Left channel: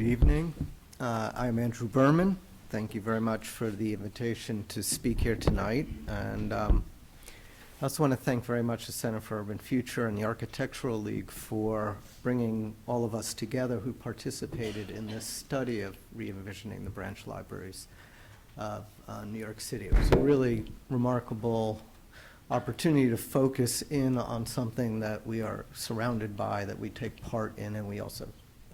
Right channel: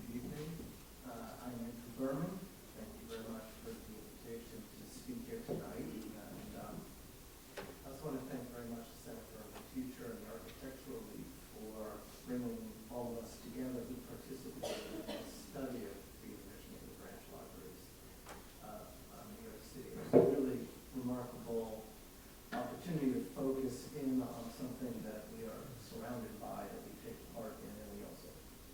Good evening. I'm Andrew Berman. Thank you very much for the invitation to speak here tonight. And I also want to thank very much the Center for Urban Future and the Architectural League for bringing all of us together who participated in this study of re-envisioning the branch libraries of New York City. It was a really remarkable opportunity to focus in on something that we are surrounded by, that we take part in, and we also,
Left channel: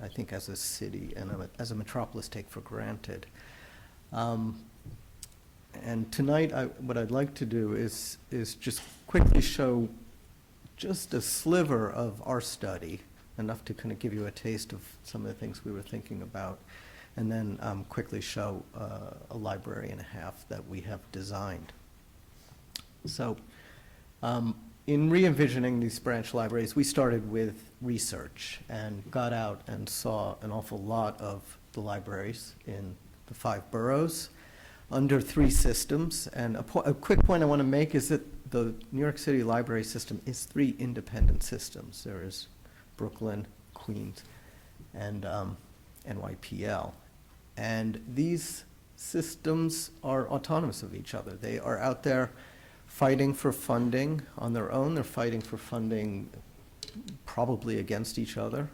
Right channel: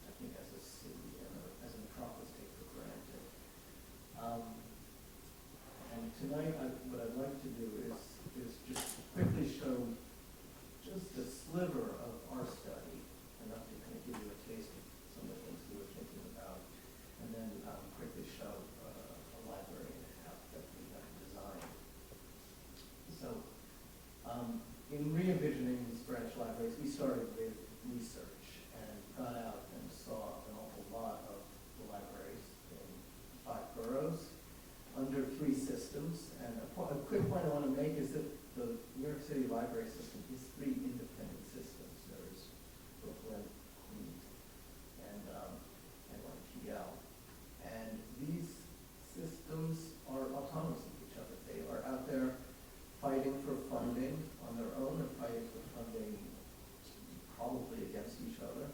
I think, as a city and as a metropolis, take for granted. And tonight, what I'd like to do is just quickly show just a sliver of our study, enough to kind of give you a taste of some of the things we were thinking about, and then quickly show a library and a half that we have designed. So in re-envisioning these branch libraries, we started with research and got out and saw an awful lot of the libraries in the 5 boroughs under 3 systems. And a quick point I want to make is that the New York City library system is 3 independent systems. There is Brooklyn, Queens, and NYPL. And these systems are autonomous of each other. They are out there fighting for funding on their own. They're fighting for funding probably against each other,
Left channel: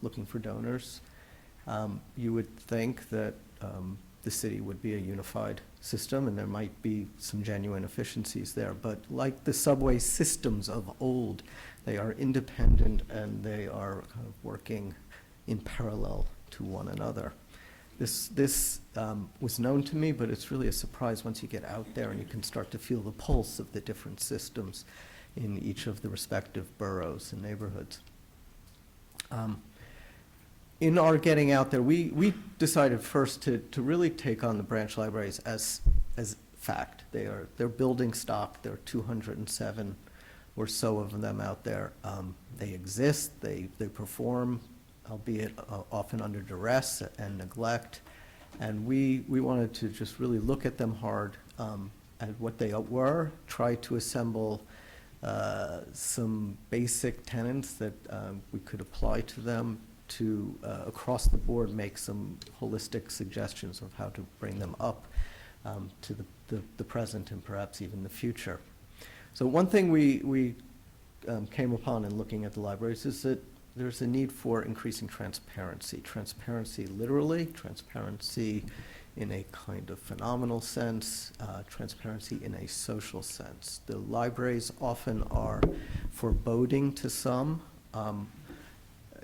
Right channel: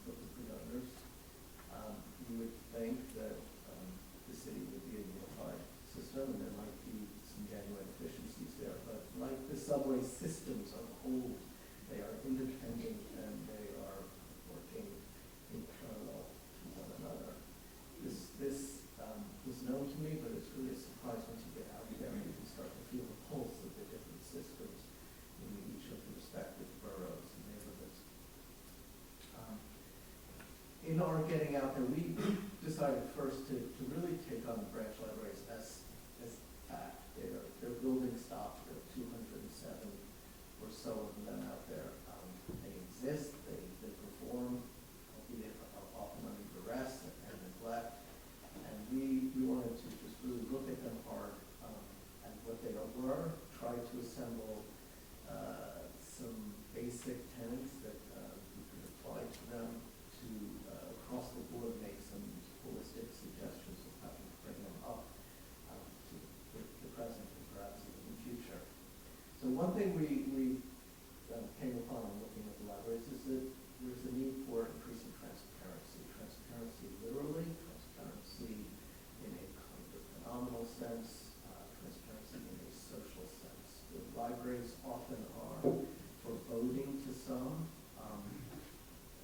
looking for donors. You would think that the city would be a unified system, and there might be some genuine efficiencies there. But like the subway systems of old, they are independent and they are kind of working in parallel to one another. This was known to me, but it's really a surprise once you get out there and you can start to feel the pulse of the different systems in each of the respective boroughs and neighborhoods. In our getting out there, we decided first to really take on the branch libraries as fact. They're building stock. There are 207 or so of them out there. They exist. They perform, albeit often under duress and neglect. And we wanted to just really look at them hard at what they were, try to assemble some basic tenets that we could apply to them to, across the board, make some holistic suggestions of how to bring them up to the present and perhaps even the future. So one thing we came upon in looking at the libraries is that there's a need for increasing transparency. Transparency literally, transparency in a kind of phenomenal sense, transparency in a social sense. The libraries often are foreboding to some.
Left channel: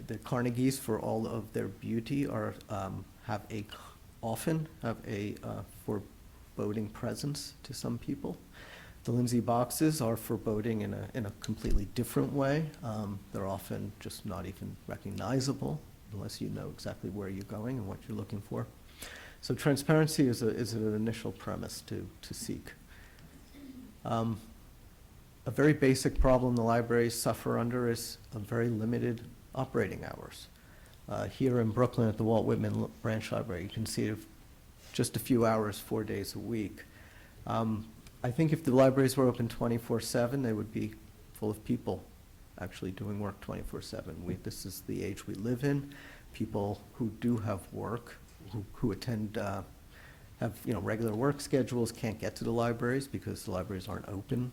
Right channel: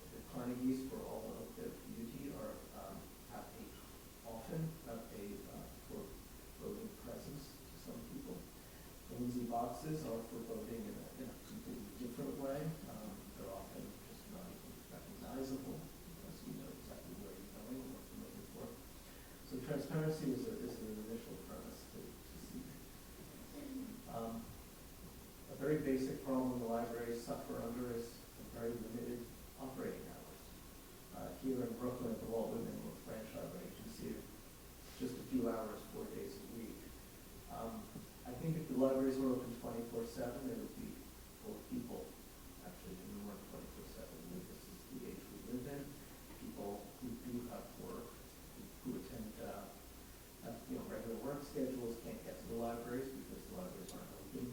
The Carnegies, for all of their beauty, often have a foreboding presence to some people. The Lindsay boxes are foreboding in a completely different way. They're often just not even recognizable unless you know exactly where you're going and what you're looking for. So transparency is an initial premise to seek. A very basic problem the libraries suffer under is a very limited operating hours. Here in Brooklyn at the Walt Whitman Branch Library, you can see it just a few hours, 4 days a week. I think if the libraries were open 24/7, they would be full of people actually doing work 24/7. This is the age we live in. People who do have work, who attend, have regular work schedules, can't get to the libraries because the libraries aren't open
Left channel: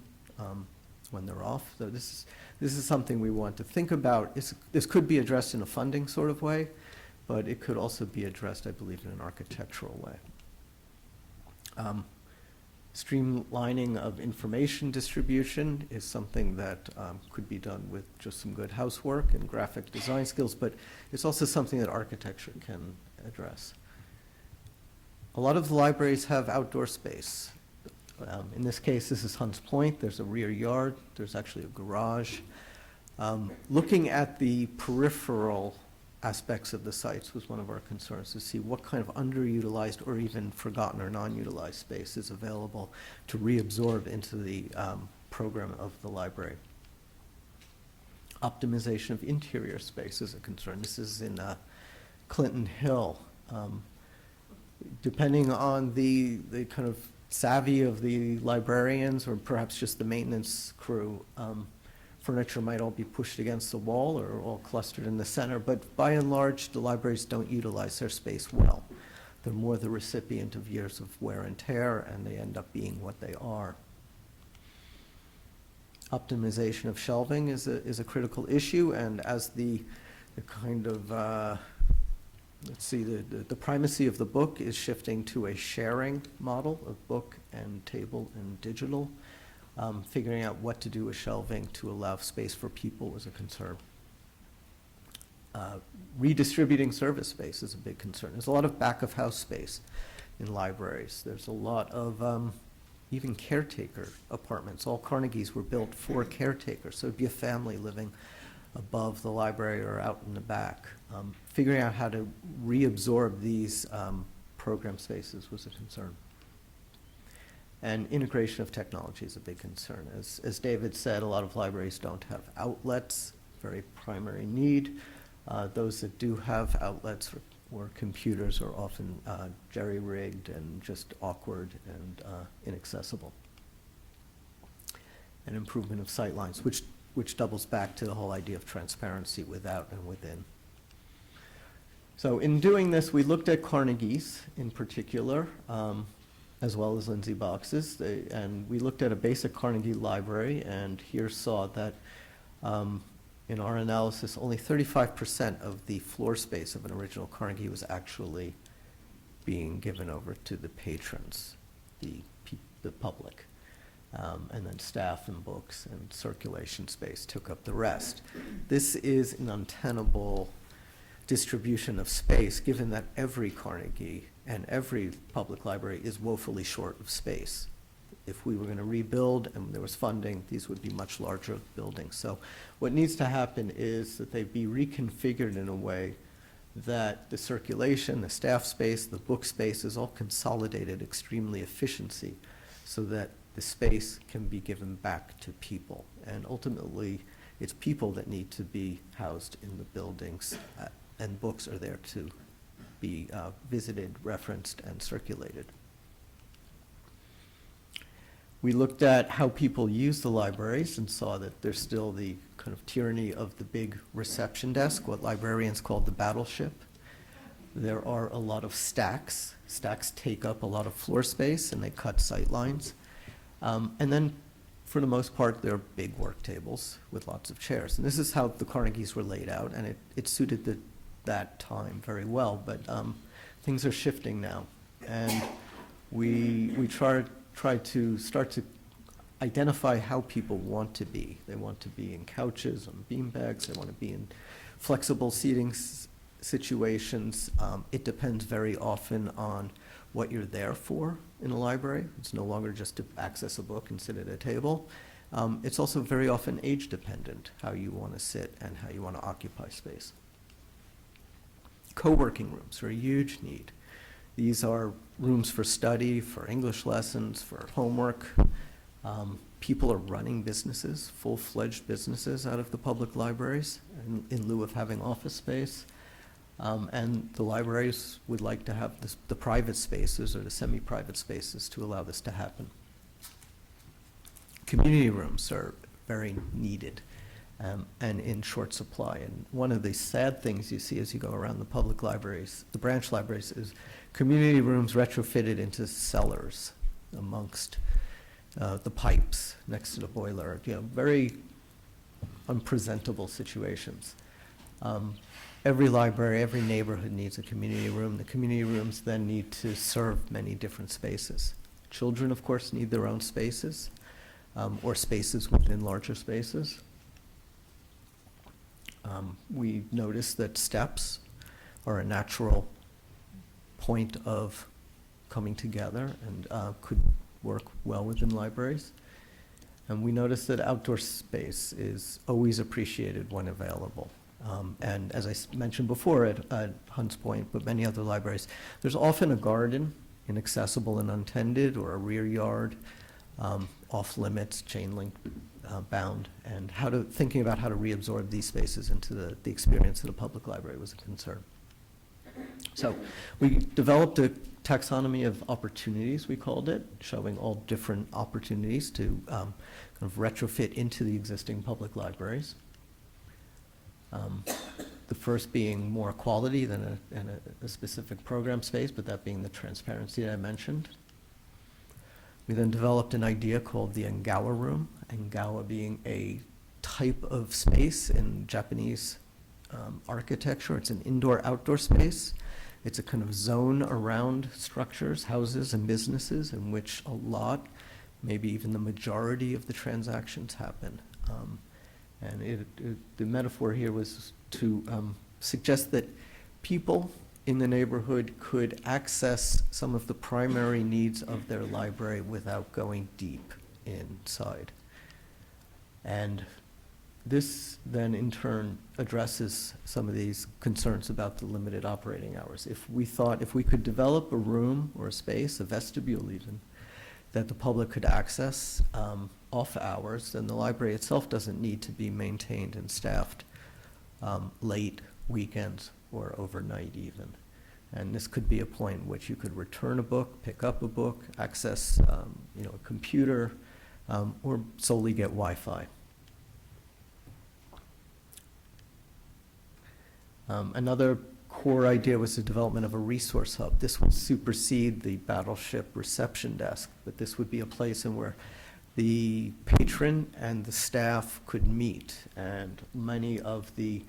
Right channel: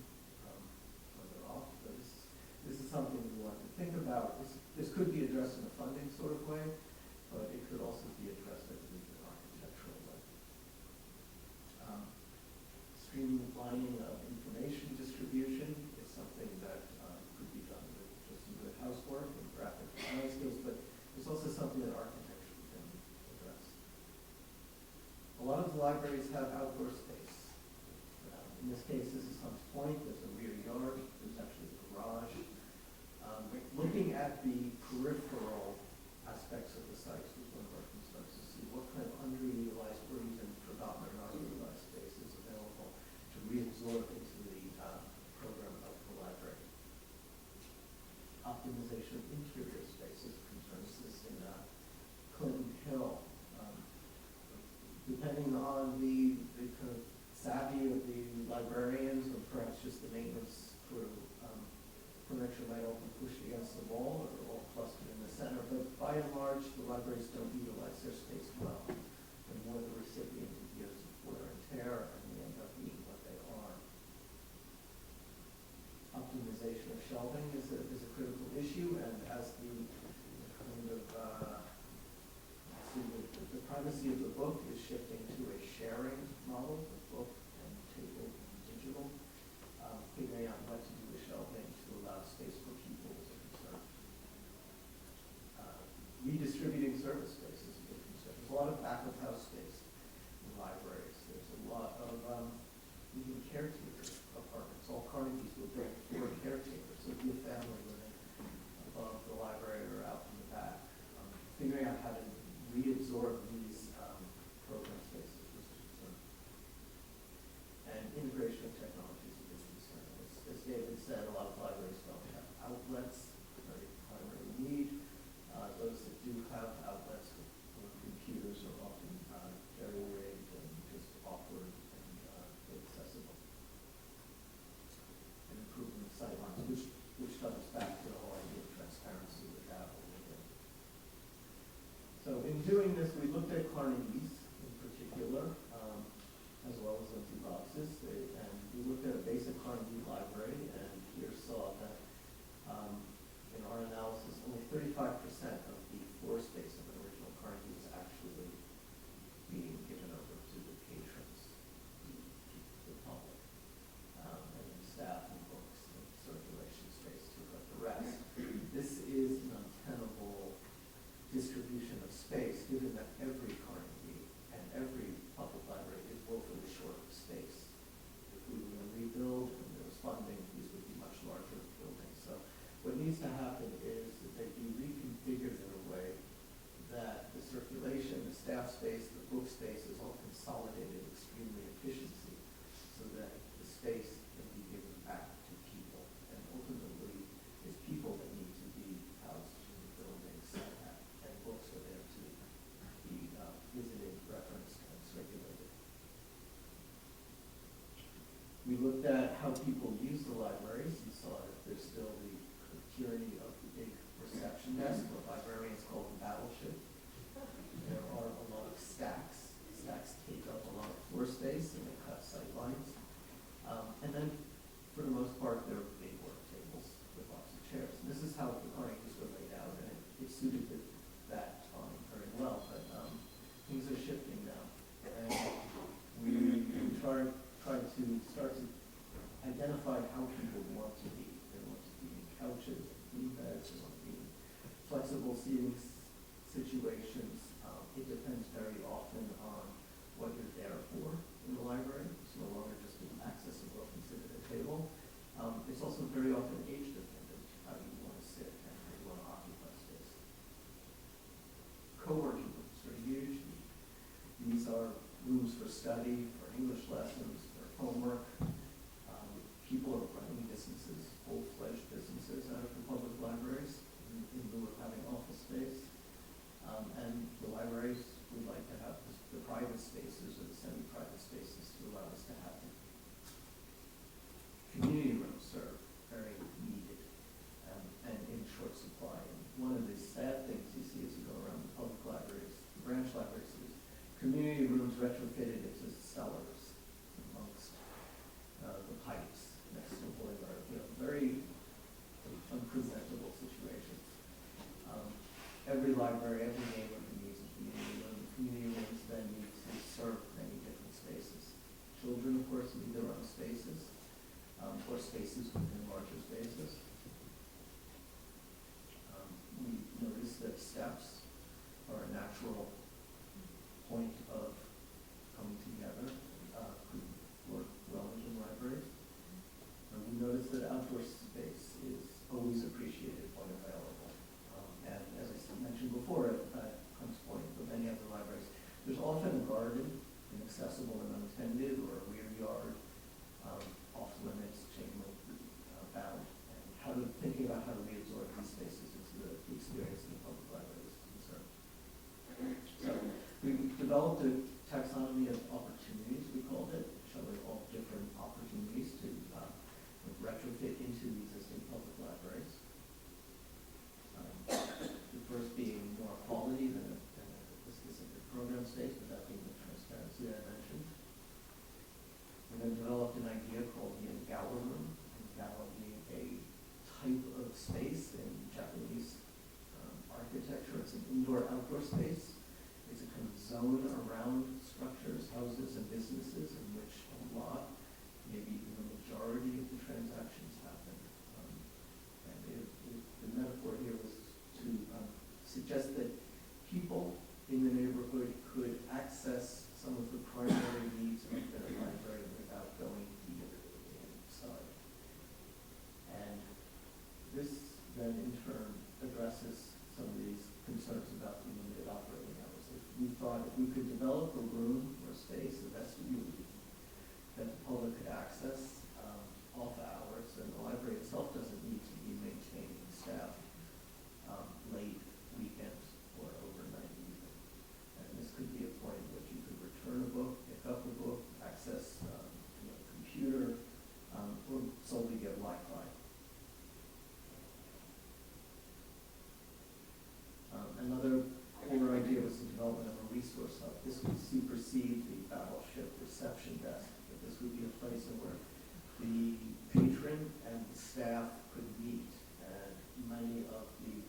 when they're off. So this is something we want to think about. This could be addressed in a funding sort of way, but it could also be addressed, I believe, in an architectural way. Streamlining of information distribution is something that could be done with just some good housework and graphic design skills, but it's also something that architecture can address. A lot of the libraries have outdoor space. In this case, this is Hunts Point. There's a rear yard. There's actually a garage. Looking at the peripheral aspects of the sites was one of our concerns, to see what kind of underutilized or even forgotten or non-utilized space is available to reabsorb into the program of the library. Optimization of interior space is a concern. This is in Clinton Hill. Depending on the kind of savvy of the librarians or perhaps just the maintenance crew, furniture might all be pushed against the wall or all clustered in the center, but by and large, the libraries don't utilize their space well. They're more the recipient of years of wear and tear, and they end up being what they are. Optimization of shelving is a critical issue, and as the kind of, let's see, the primacy of the book is shifting to a sharing model of book and table and digital. Figuring out what to do with shelving to allow space for people is a concern. Redistributing service space is a big concern. There's a lot of back-of-house space in libraries. There's a lot of even caretaker apartments. All Carnegies were built for caretakers, so it'd be a family living above the library or out in the back. Figuring out how to reabsorb these program spaces was a concern. And integration of technology is a big concern. As David said, a lot of libraries don't have outlets, very primary need. Those that do have outlets or computers are often jerry-rigged and just awkward and inaccessible. And improvement of sightlines, which doubles back to the whole idea of transparency without and within. So in doing this, we looked at Carnegie's in particular, as well as Lindsay Box's, and we looked at a basic Carnegie library, and here saw that in our analysis, only 35% of the floor space of an original Carnegie was actually being given over to the patrons, the public. And then staff and books and circulation space took up the rest. This is an untenable distribution of space, given that every Carnegie and every public library is woefully short of space. If we were going to rebuild and there was funding, these would be much larger buildings. So what needs to happen is that they be reconfigured in a way that the circulation, the staff space, the book space is all consolidated extremely efficiency so that the space can be given back to people. And ultimately, it's people that need to be housed in the buildings, and books are there to be visited, referenced, and circulated. We looked at how people use the libraries and saw that there's still the kind of tyranny of the big reception desk, what librarians call the battleship. There are a lot of stacks. Stacks take up a lot of floor space and they cut sight lines. And then for the most part, they're big work tables with lots of chairs. And this is how the Carnegies were laid out, and it suited that time very well, but things are shifting now. And we try to start to identify how people want to be. They want to be in couches, on beanbags, they want to be in flexible seating situations. It depends very often on what you're there for in a library. It's no longer just to access a book and sit at a table. It's also very often age dependent, how you want to sit and how you want to occupy space. Co-working rooms are a huge need. These are rooms for study, for English lessons, for homework. People are running businesses, full-fledged businesses out of the public libraries in lieu of having office space. And the libraries would like to have the private spaces or the semi-private spaces to allow this to happen. Community rooms are very needed and in short supply. And one of the sad things you see as you go around the public libraries, the branch libraries, is community rooms retrofitted into cellars amongst the pipes next to the boiler. Very unpresentable situations. Every library, every neighborhood needs a community room. The community rooms then need to serve many different spaces. Children, of course, need their own spaces, or spaces within larger spaces. We noticed that steps are a natural point of coming together and could work well within libraries. And we noticed that outdoor space is always appreciated when available. And as I mentioned before at Hunts Point, but many other libraries, there's often a garden, inaccessible and untended, or a rear yard, off limits, chain link bound, and thinking about how to reabsorb these spaces into the experience of the public library was a concern. So we developed a taxonomy of opportunities, we called it, showing all different opportunities to of retrofit into the existing public libraries. The first being more quality than a specific program space, but that being the transparency that I mentioned. We then developed an idea called the Engawa room, Engawa being a type of space in Japanese architecture. It's an indoor-outdoor space. It's a kind of zone around structures, houses, and businesses in which a lot, maybe even the majority of the transactions happen. And the metaphor here was to suggest that people in the neighborhood could access some of the primary needs of their library without going deep inside. And this then in turn addresses some of these concerns about the limited operating hours. If we could develop a room or a space, a vestibule even, that the public could access off hours, then the library itself doesn't need to be maintained and staffed late, weekends, or overnight even. And this could be a point in which you could return a book, pick up a book, access a computer, or solely get Wi-Fi. Another core idea was the development of a resource hub. This will supersede the battleship reception desk, but this would be a place in where the patron and the staff could meet, and many of the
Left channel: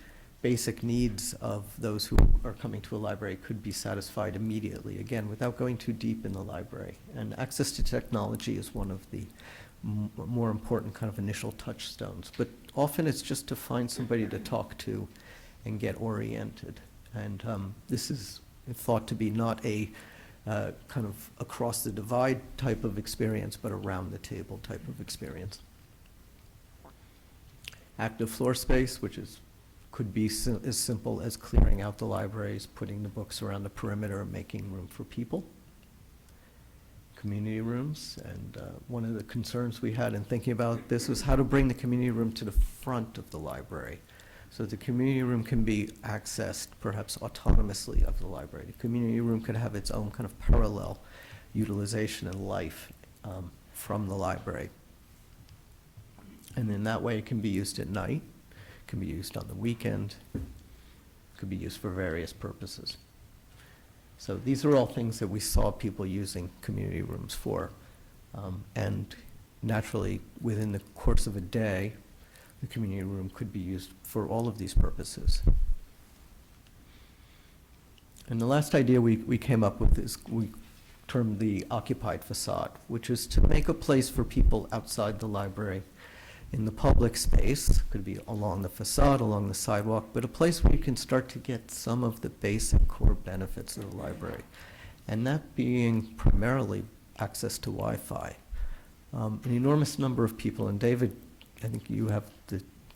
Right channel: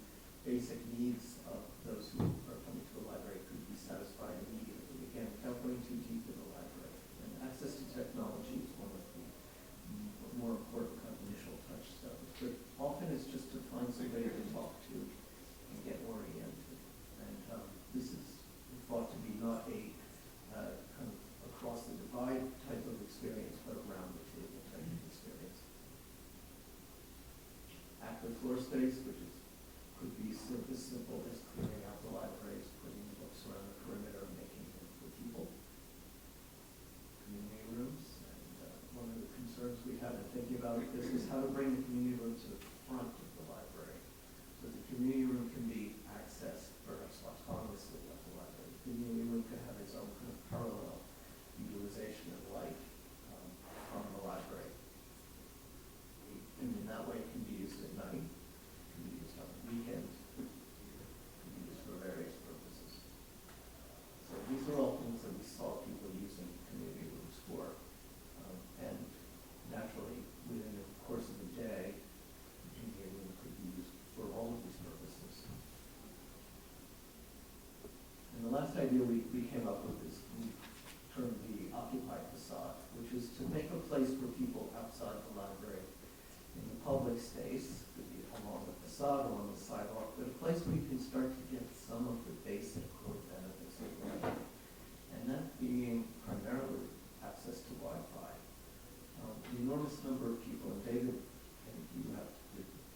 basic needs of those who are coming to a library could be satisfied immediately, again, without going too deep in the library. And access to technology is one of the more important kind of initial touchstones. But often it's just to find somebody to talk to and get oriented. And this is thought to be not a kind of across the divide type of experience, but around the table type of experience. Active floor space, which could be as simple as clearing out the libraries, putting the books around the perimeter, making room for people. Community rooms, and one of the concerns we had in thinking about this was how to bring the community room to the front of the library. So the community room can be accessed perhaps autonomously of the library. The community room could have its own kind of parallel utilization and life from the library. And in that way, it can be used at night, it can be used on the weekend, it could be used for various purposes. So these are all things that we saw people using community rooms for. And naturally, within the course of a day, the community room could be used for all of these purposes. And the last idea we came up with is we termed the Occupied Facade, which is to make a place for people outside the library in the public space. Could be along the facade, along the sidewalk, but a place where you can start to get some of the basic core benefits of the library. And that being primarily access to Wi-Fi. An enormous number of people, and David, I think you have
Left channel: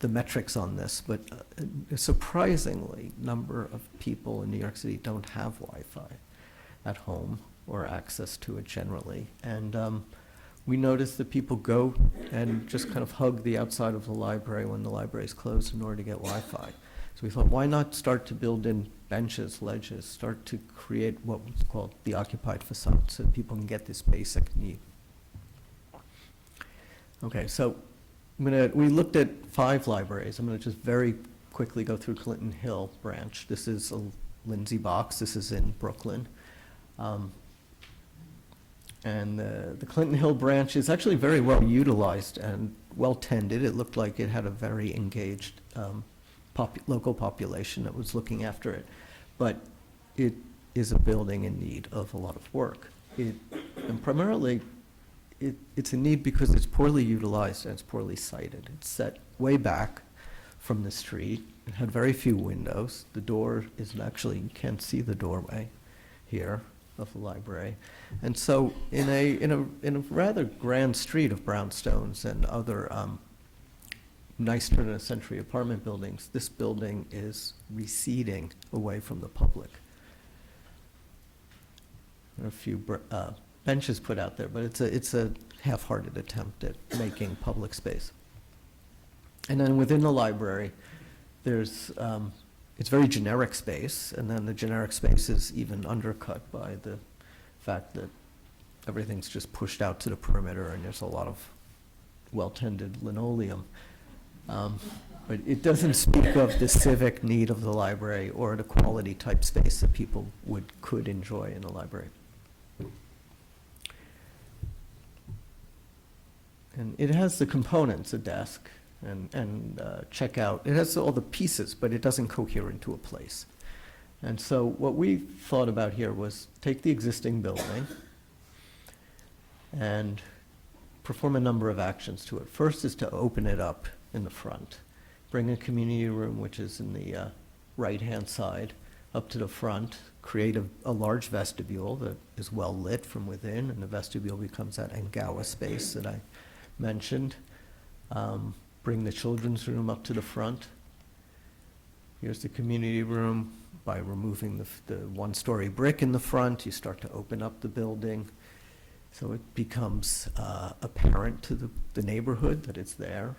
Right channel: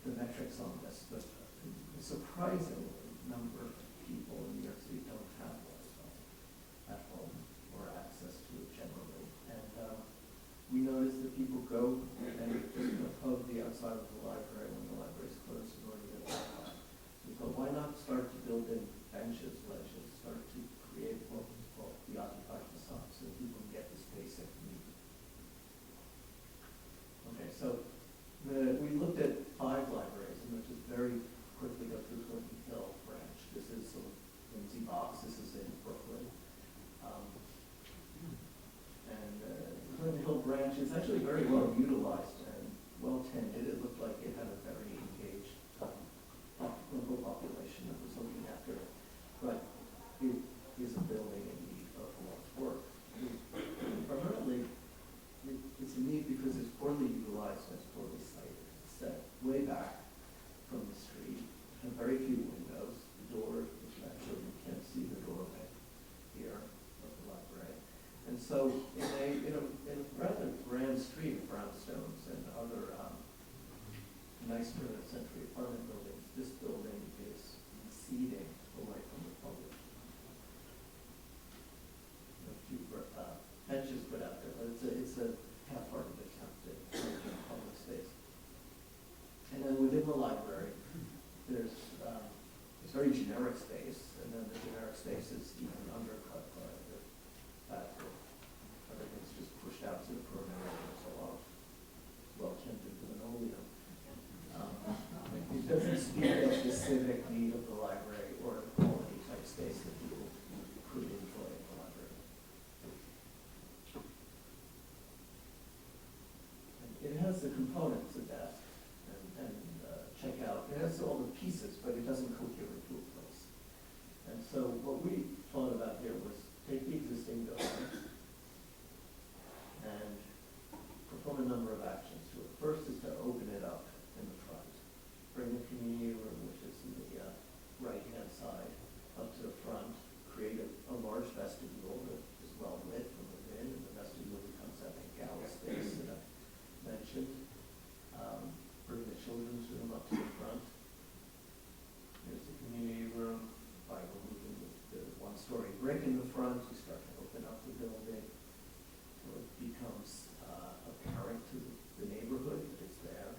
the metrics on this, but a surprisingly number of people in New York City don't have Wi-Fi at home or access to it generally. And we noticed that people go and just kind of hug the outside of the library when the library is closed in order to get Wi-Fi. So we thought, why not start to build in benches, ledges, start to create what was called the Occupied Facade so that people can get this basic need. Okay, so we looked at 5 libraries. I'm going to just very quickly go through Clinton Hill branch. This is a Lindsay Box. This is in Brooklyn. And the Clinton Hill branch is actually very well utilized and well tended. It looked like it had a very engaged local population that was looking after it. But it is a building in need of a lot of work. And primarily, it's a need because it's poorly utilized and it's poorly sited. It's set way back from the street. It had very few windows. The door is actually, you can't see the doorway here of the library. And so in a rather grand street of brownstones and other nice turn-of-the-century apartment buildings, this building is receding away from the public. There are a few benches put out there, but it's a half-hearted attempt at making public space. And then within the library, there's it's very generic space, and then the generic space is even undercut by the fact that everything's just pushed out to the perimeter, and there's a lot well-tended linoleum. But it doesn't speak of the civic need of the library or the quality type space that people could enjoy in a library. And it has the components, a desk and checkout. It has all the pieces, but it doesn't cohere into a place. And so what we thought about here was take the existing building and perform a number of actions to it. First is to open it up in the front. Bring a community room, which is in the right-hand side, up to the front. Create a large vestibule that is well lit from within, and the vestibule becomes that Engawa space that I mentioned. Bring the children's room up to the front. Here's the community room. By removing the one-story brick in the front, you start to open up the building. So it becomes apparent to the neighborhood that it's there.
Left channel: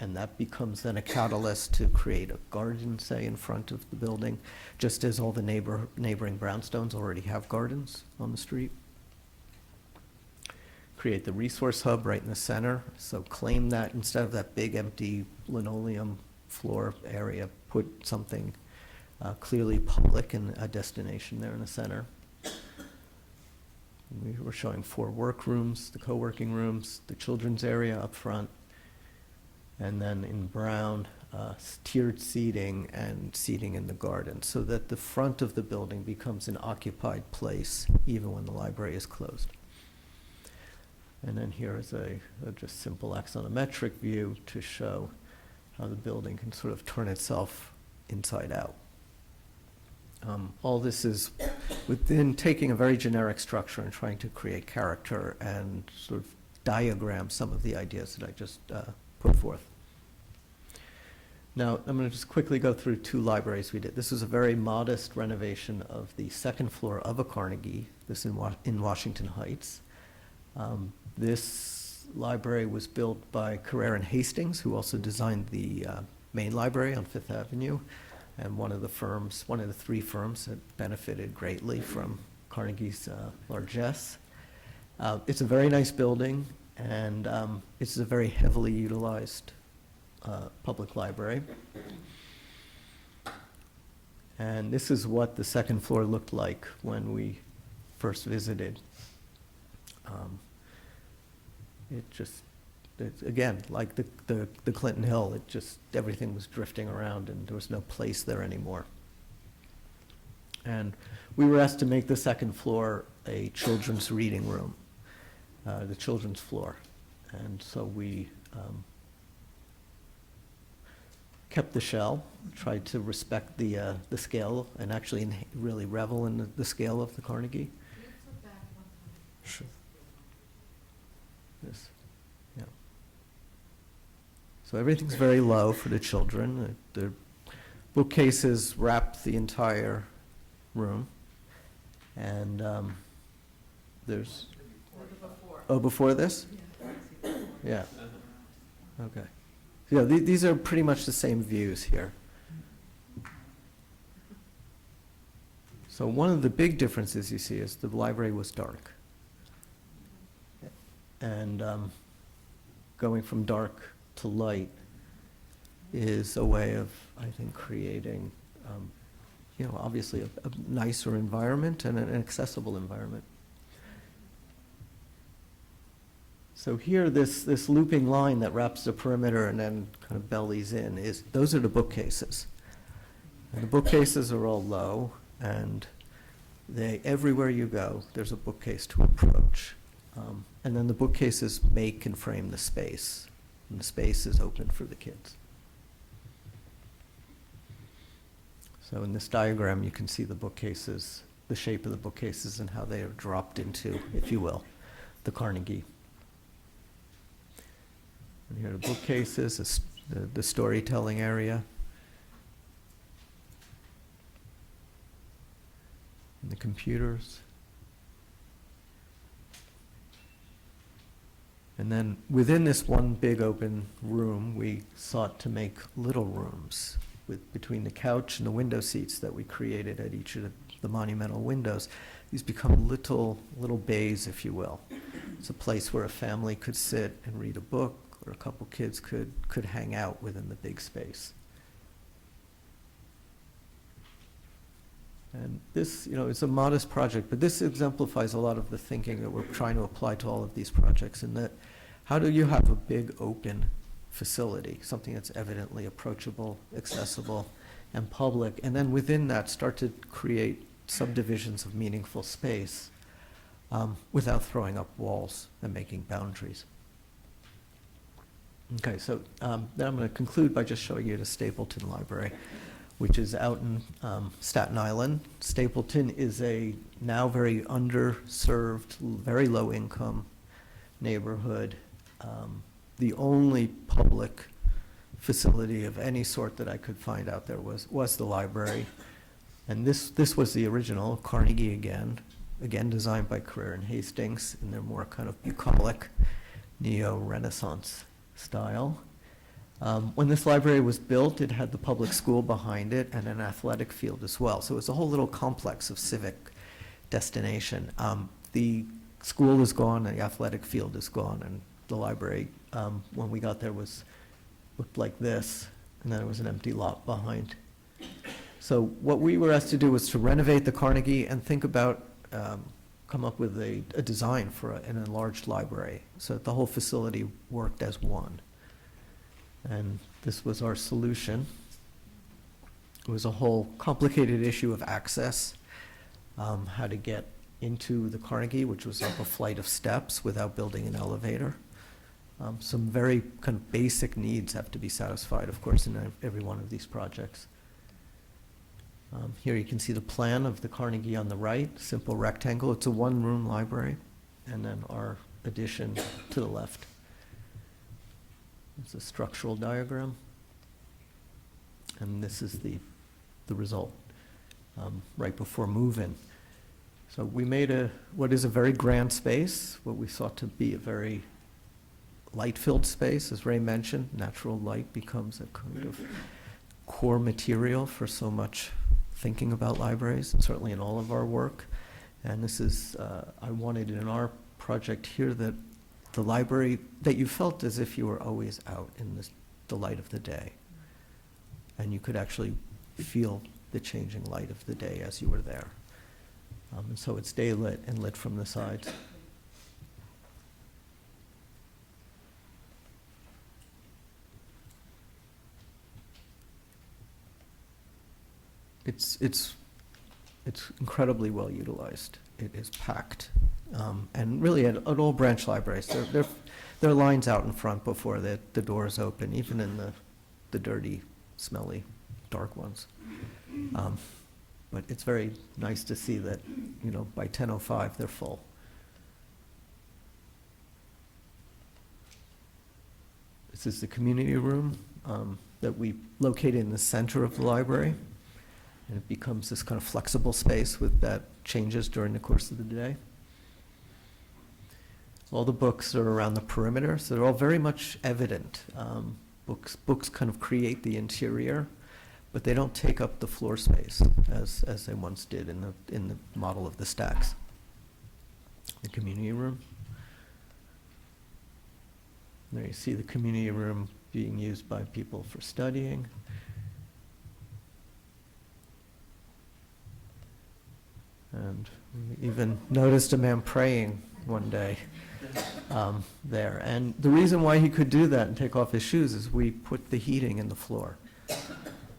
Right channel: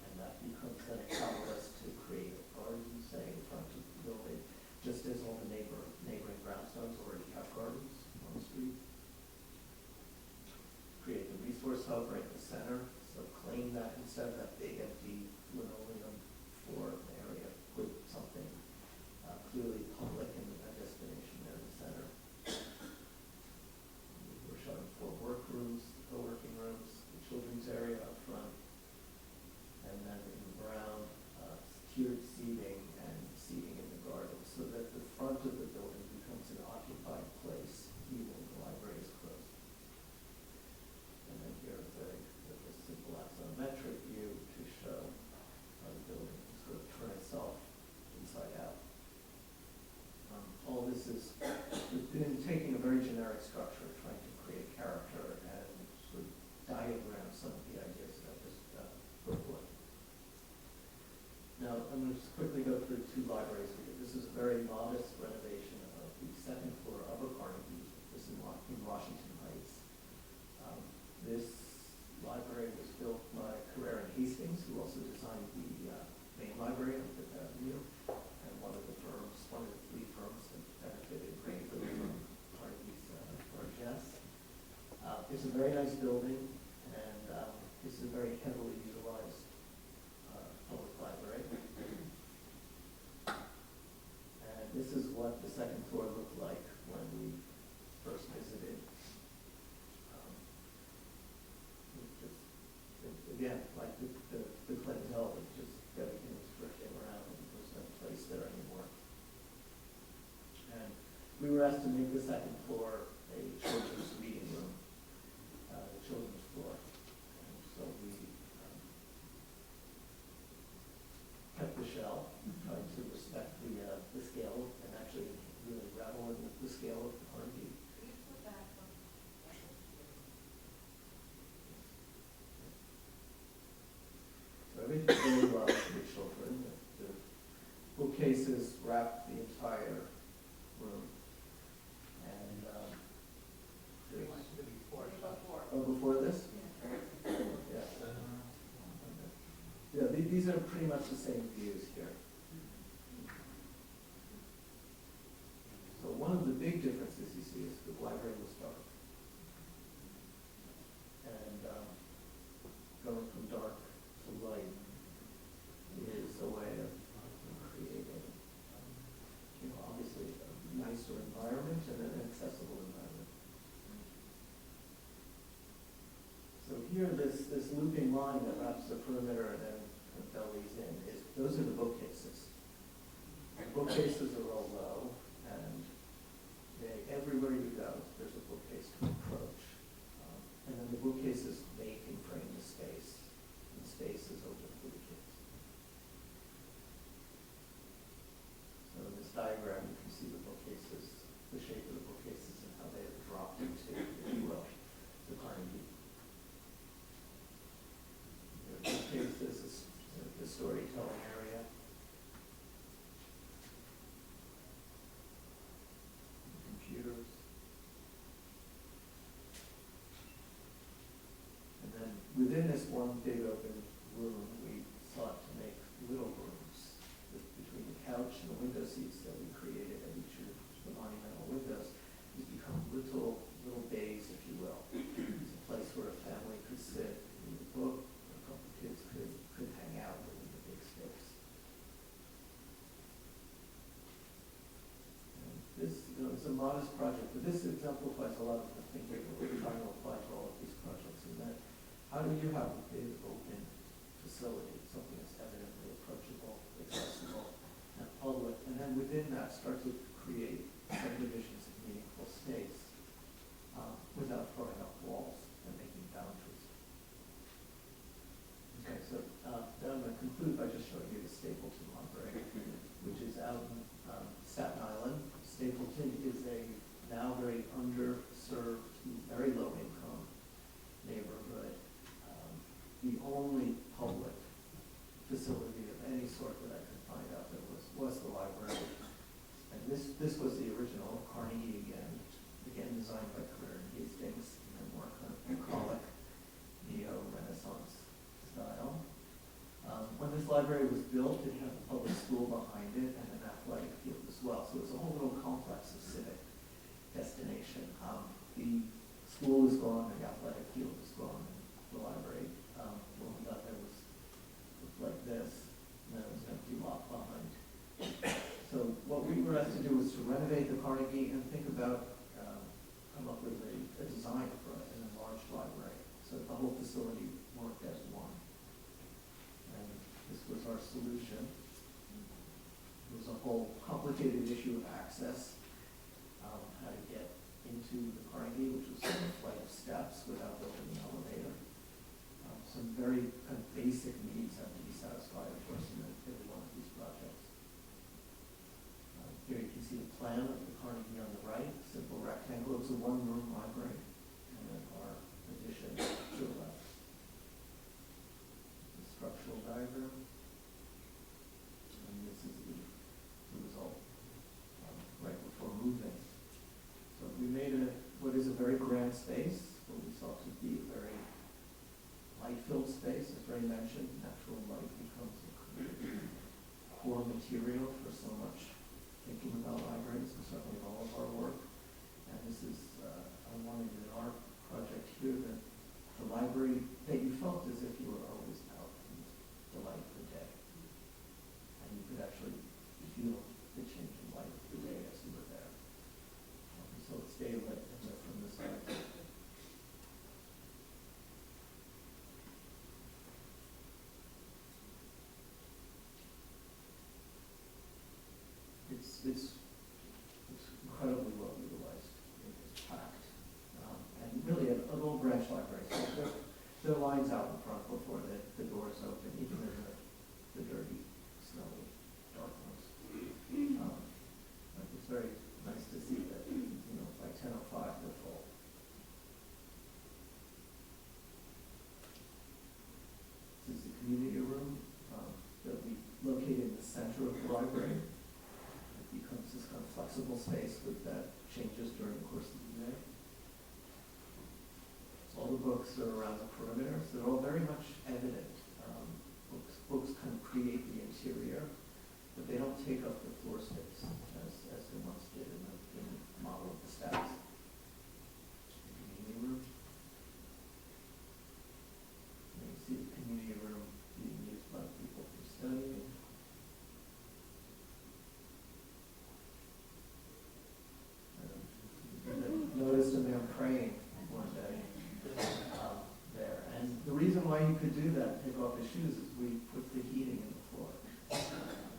And that becomes then a catalyst to create a garden, say, in front of the building, just as all the neighboring brownstones already have gardens on the street. Create the resource hub right in the center. So claim that instead of that big empty linoleum floor area, put something clearly public and a destination there in the center. We were showing 4 workrooms, the co-working rooms, the children's area up front, and then in brown, tiered seating and seating in the garden, so that the front of the building becomes an occupied place even when the library is closed. And then here is a just simple axonometric view to show how the building can sort of turn itself inside out. All this is within taking a very generic structure and trying to create character and sort of diagram some of the ideas that I just put forth. Now, I'm going to just quickly go through 2 libraries we did. This is a very modest renovation of the 2nd floor of a Carnegie, this in Washington Heights. This library was built by Carrere and Hastings, who also designed the main library on 5th Avenue. And one of the 3 firms that benefited greatly from Carnegie's largesse. It's a very nice building, and it's a very heavily utilized public library. And this is what the 2nd floor looked like when we first visited. It's, again, like the Clinton Hill, everything was drifting around and there was no place there anymore. And we were asked to make the 2nd floor a children's reading room, the children's floor. And so we kept the shell, tried to respect the scale and actually really revel in the scale of the Carnegie. Sure. Yes. Yeah. So everything's very low for the children. The bookcases wrap the entire room. And there's... Oh, before this? Yeah. Okay. Yeah, these are pretty much the same views here. So one of the big differences you see is the library was dark. And going from dark to light is a way of, I think, creating, obviously a nicer environment and an accessible environment. So here, this looping line that wraps the perimeter and then kind of bellies in, those are the bookcases. And the bookcases are all low, and everywhere you go, there's a bookcase to approach. And then the bookcases make and frame the space, and the space is open for the kids. So in this diagram, you can see the bookcases, the shape of the bookcases and how they are dropped into, if you will, the Carnegie. And here are the bookcases, the storytelling area. And the computers. And then within this one big open room, we sought to make little rooms between the couch and the window seats that we created at each of the monumental windows. These become little bays, if you will. It's a place where a family could sit and read a book where a couple kids could hang out within the big space. And this, is a modest project, but this exemplifies a lot of the thinking that we're trying to apply to all of these projects, in that how do you have a big open facility, something that's evidently approachable, accessible, and public, and then within that start to create subdivisions of meaningful space without throwing up walls and making boundaries. Okay, so then I'm going to conclude by just showing you the Stapleton Library, which is out in Staten Island. Stapleton is a now very underserved, very low income neighborhood. The only public facility of any sort that I could find out there was the library. And this was the original, Carnegie again designed by Career and Hastings in their more kind of bucolic neo-Renaissance style. When this library was built, it had the public school behind it and an athletic field as well. So it was a whole little complex of civic destination. The school is gone and the athletic field is gone, and the library, when we got there, looked like this, and then there was an empty lot behind. So what we were asked to do was to renovate the Carnegie and think about, come up with a design for an enlarged library so that the whole facility worked as one. And this was our solution. It was a whole complicated issue of access, how to get into the Carnegie, which was up a flight of steps without building an elevator. Some very kind of basic needs have to be satisfied, of course, in every one of these projects. Here you can see the plan of the Carnegie on the right, simple rectangle. It's a one-room library, and then our addition to the left. It's a structural diagram, and this is the result right before move-in. So we made what is a very grand space, what we sought to be a very light-filled space. As Ray mentioned, natural light becomes a kind of core material for so much thinking about libraries, and certainly in all of our work. And this is, I wanted in our project here that the library, that you felt as if you were always out in the light of the day. And you could actually feel the changing light of the day as you were there. And so it's day lit and lit from the sides. It's incredibly well utilized. It is packed. And really at all branch libraries, there are lines out in front before the doors open, even in the dirty, smelly, dark ones. But it's very nice to see that, by 10:05 they're full. This is the community room that we located in the center of the library. And it becomes this kind of flexible space that changes during the course of the day. All the books are around the perimeter, so they're all very much evident. Books kind of create the interior, but they don't take up the floor space as they once did in the model of the stacks. The community room. There you see the community room being used by people for studying. And we even noticed a man praying one day there. And the reason why he could do that and take off his shoes is we put the heating in the floor.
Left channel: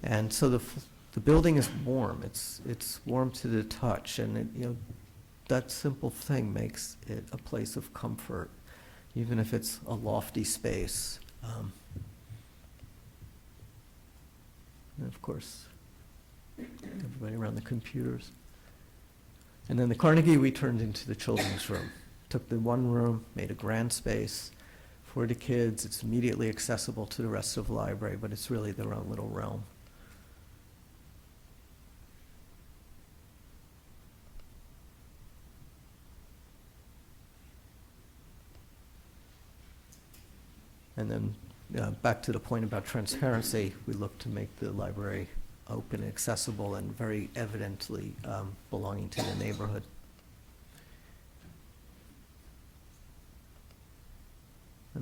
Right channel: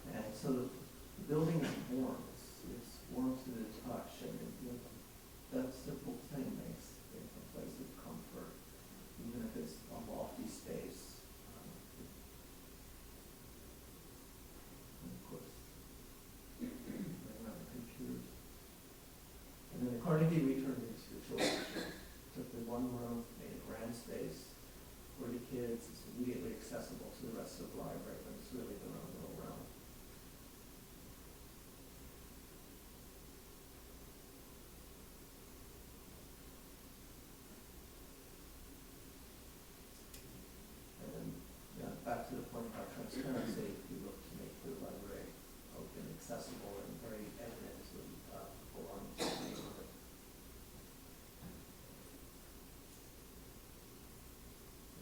And so the building is warm. It's warm to the touch, and that simple thing makes it a place of comfort, even if it's a lofty space. And of course, everybody around the computers. And then the Carnegie we turned into the children's room. Took the one room, made a grand space for the kids. It's immediately accessible to the rest of the library, but it's really their own little realm. And then back to the point about transparency, we look to make the library open and accessible and very evidently belonging to the neighborhood.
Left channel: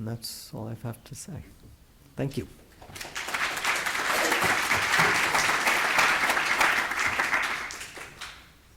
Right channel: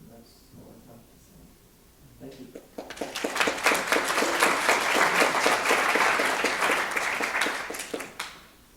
And that's all I have to say. Thank you.